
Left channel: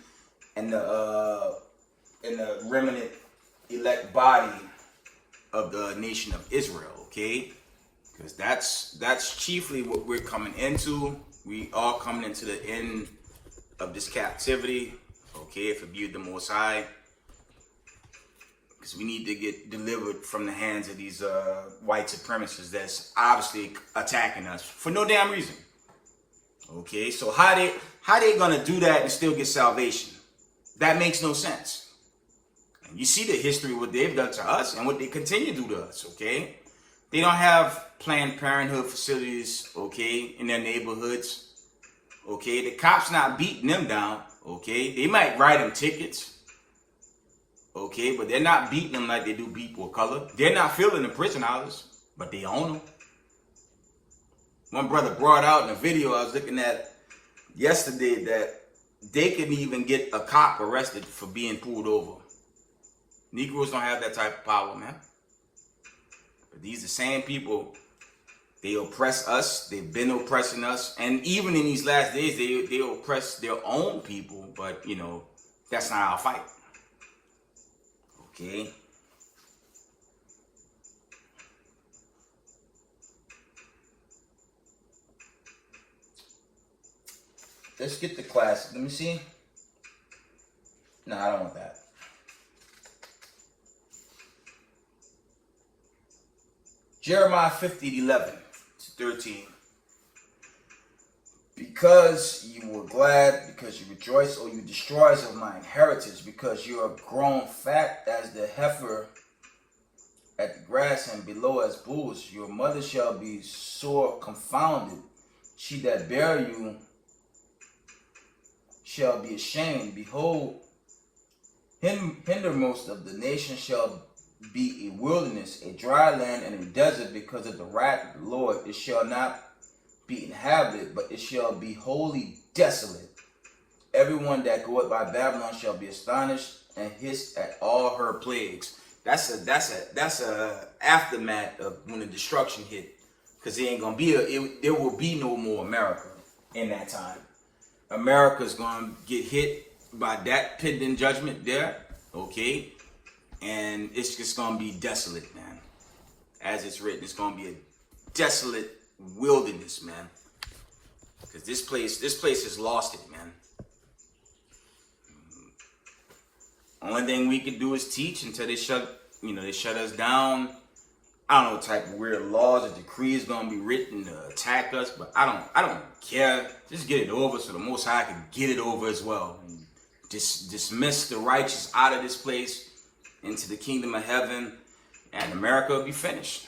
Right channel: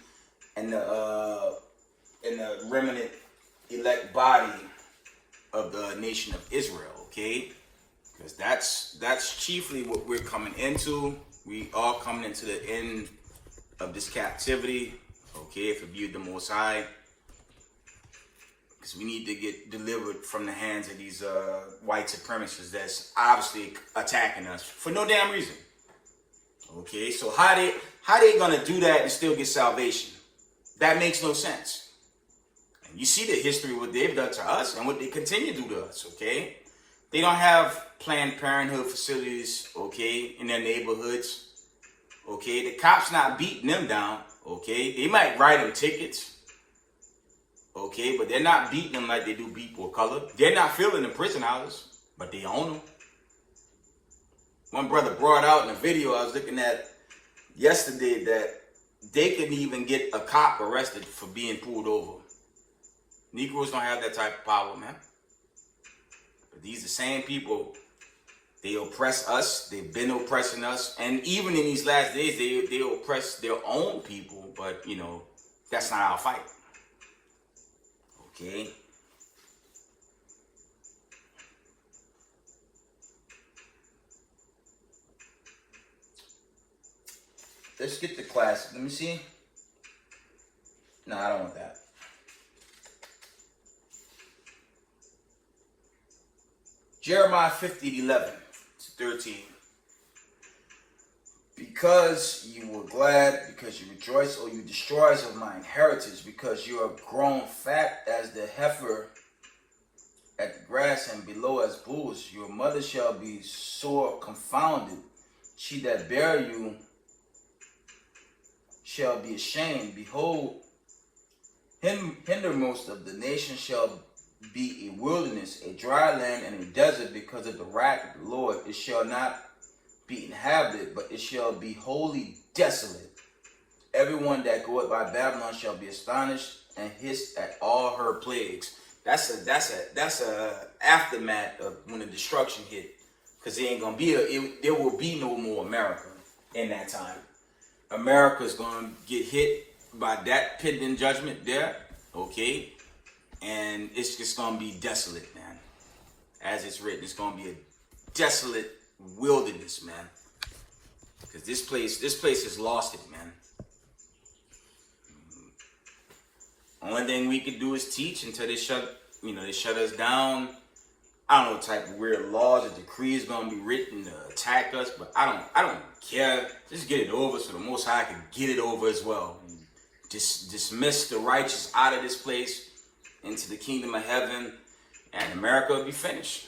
and the remnant elect body of the nation of Israel. Okay, because that's chiefly what we're coming into. We are coming into the end of this captivity. Okay, if it be the Most High, because we need to get delivered from the hands of these white supremacists that's obviously attacking us for no damn reason. Okay, so how they gonna do that and still get salvation? That makes no sense. And you see the history of what they've done to us and what they continue to do to us. Okay. They don't have Planned Parenthood facilities, okay, in their neighborhoods. Okay, the cops not beating them down. Okay, they might write them tickets. Okay, but they're not beating them like they do people of color. They're not filling the prison houses, but they own them. One brother brought out in a video I was looking at yesterday that they can even get a cop arrested for being pulled over. Negroes don't have that type of power, man. But these are the same people. They oppress us. They've been oppressing us. And even in these last days, they oppress their own people. But, you know, that's not our fight. Okay. Let's get the classic. Let me see. No, I don't want that. Jeremiah 50:11-13. Because you were glad, because you rejoiced, O you destroyers of my inheritance, because you are grown fat as the heifer at the grass, and below as bulls. Your mother shall be sore confounded. She that bare you shall be ashamed. Behold, hindermost of the nations shall be a wilderness, a dry land, and a desert, because of the wrath of the Lord. It shall not be inhabited, but it shall be wholly desolate. Everyone that goeth by Babylon shall be astonished and hiss at all her plagues. That's a aftermath of when the destruction hit, because there will be no more America in that time. America's gonna get hit by that pending judgment there, okay, and it's just gonna be desolate, man. As it's written, it's gonna be a desolate wilderness, man, because this place has lost it, man. Only thing we can do is teach until they shut us down. I don't know what type of weird laws or decrees gonna be written to attack us, but I don't care. Just get it over so the Most High can get it over as well. And dismiss the righteous out of this place into the kingdom of heaven, and America will be finished.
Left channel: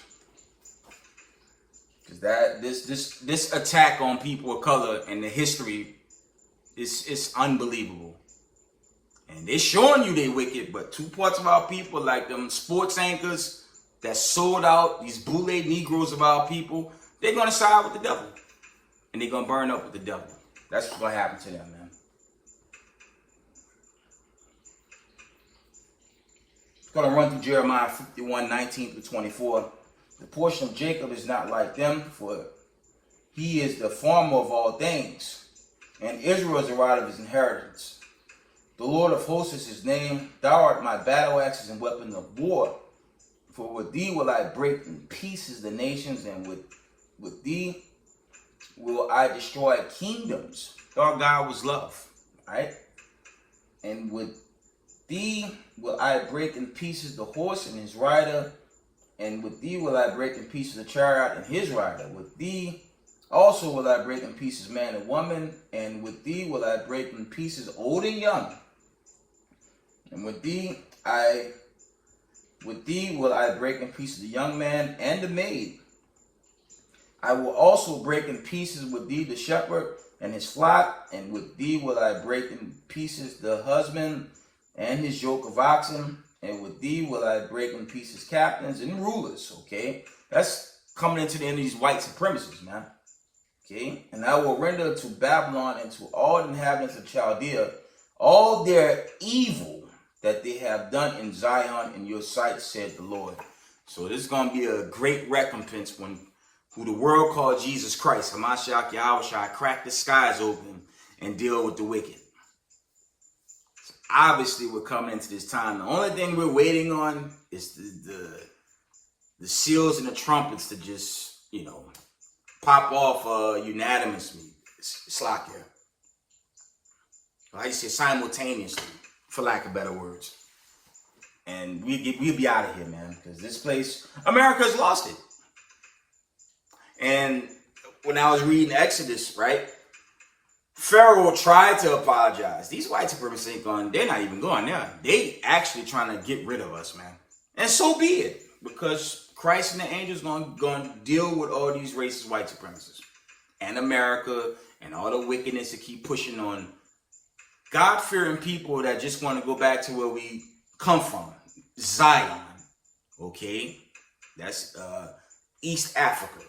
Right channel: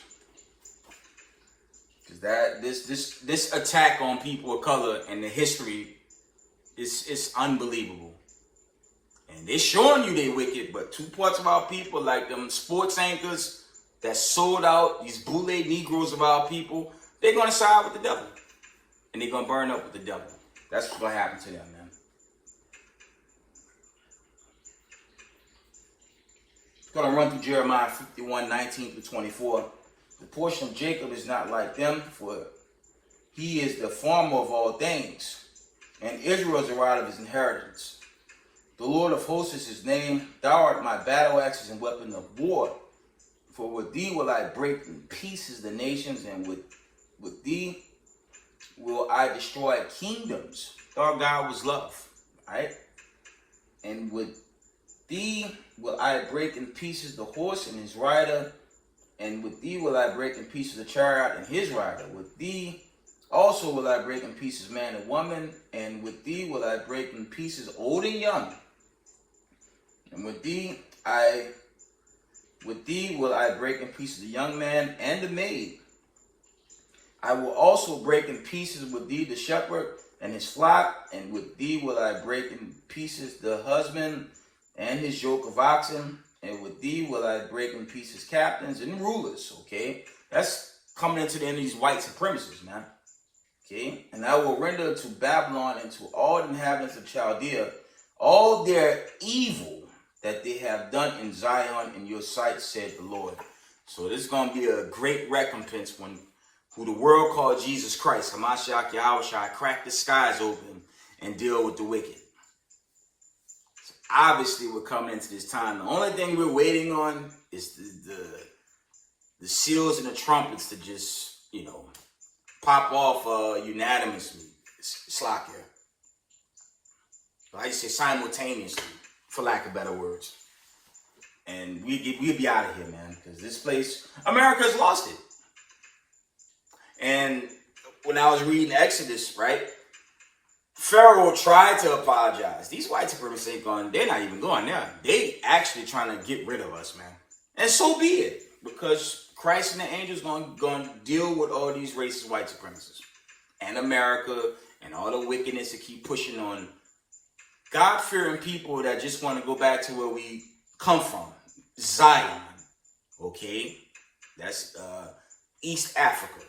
Because this attack on people of color and the history is unbelievable. And they're showing you they wicked, but two parts of our people, like them sports anchors that sold out these bootleg Negroes of our people, they're going to side with the devil. And they're going to burn up with the devil. That's what's going to happen to them, man. I'm going to run through Jeremiah 51, 19 through 24. The portion of Jacob is not like them, for he is the farmer of all things, and Israel is the right of his inheritance. The Lord of hosts is his name. Thou art my battle axes and weapon of war. For with thee will I break in pieces the nations, and with thee will I destroy kingdoms. Our God was love, right? And with thee will I break in pieces the horse and his rider, and with thee will I break in pieces the chariot and his rider. With thee also will I break in pieces man and woman, and with thee will I break in pieces old and young. And with thee will I break in pieces the young man and the maid. I will also break in pieces with thee the shepherd and his flock, and with thee will I break in pieces the husband and his yoke of oxen, and with thee will I break in pieces captains and rulers. Okay, that's coming into the end of these white supremacists, man. Okay, and I will render to Babylon and to all the inhabitants of Chaldea all their evil that they have done in Zion in your sight, said the Lord. So this is going to be a great recompense when who the world called Jesus Christ, Hamashiach Yahweh, shall crack the skies open and deal with the wicked. Obviously, we're coming into this time. The only thing we're waiting on is the seals and the trumpets to just, pop off unanimously. It's like here. I just say simultaneously, for lack of better words. And we'll be out of here, man. Because this place, America's lost it. And when I was reading Exodus, right? Pharaoh tried to apologize. These white supremacists ain't going, they're not even going there. They actually trying to get rid of us, man. And so be it. Because Christ and the angels going to deal with all these racist white supremacists. And America and all the wickedness that keep pushing on God-fearing people that just want to go back to where we come from. Zion. Okay? That's East Africa.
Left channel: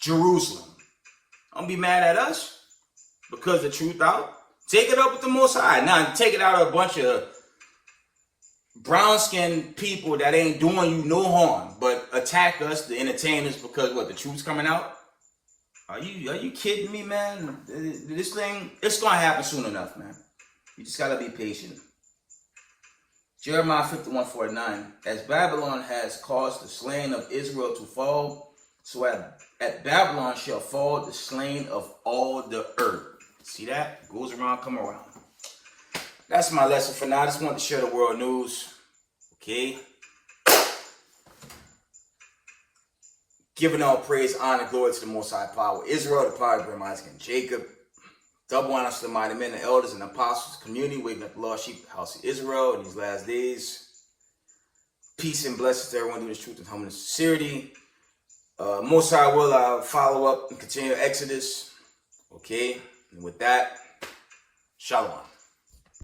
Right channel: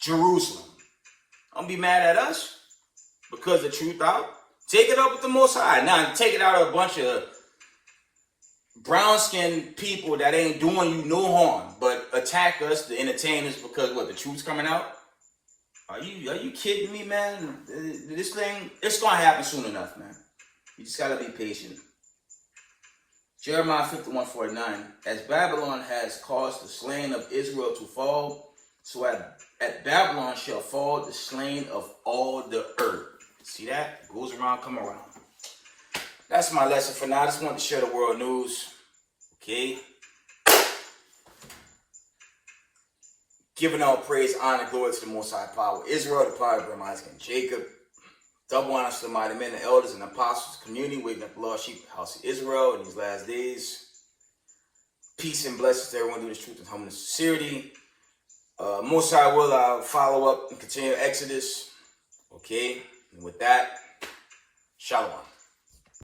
Jerusalem. Don't be mad at us because the truth out. Take it up with the Most High. Now, take it out of a bunch of brown-skinned people that ain't doing you no harm, but attack us, the entertainers, because what, the truth's coming out? Are you kidding me, man? This thing, it's going to happen soon enough, man. You just got to be patient. Jeremiah 51:49. As Babylon has caused the slain of Israel to fall, so at Babylon shall fall the slain of all the earth. See that? It goes around, come around. That's my lesson for now. I just want to share the world news. Okay? Giving all praise, honor, glory to the Most High Power. Israel, the power of Isaac and Jacob. Double honors to the mighty men, the elders, and apostles, community, waking up the lost sheep, the house of Israel in these last days. Peace and blessings to everyone doing this truth and humbleness and sincerity. Most I will follow up and continue Exodus. Okay, and with that, shalom.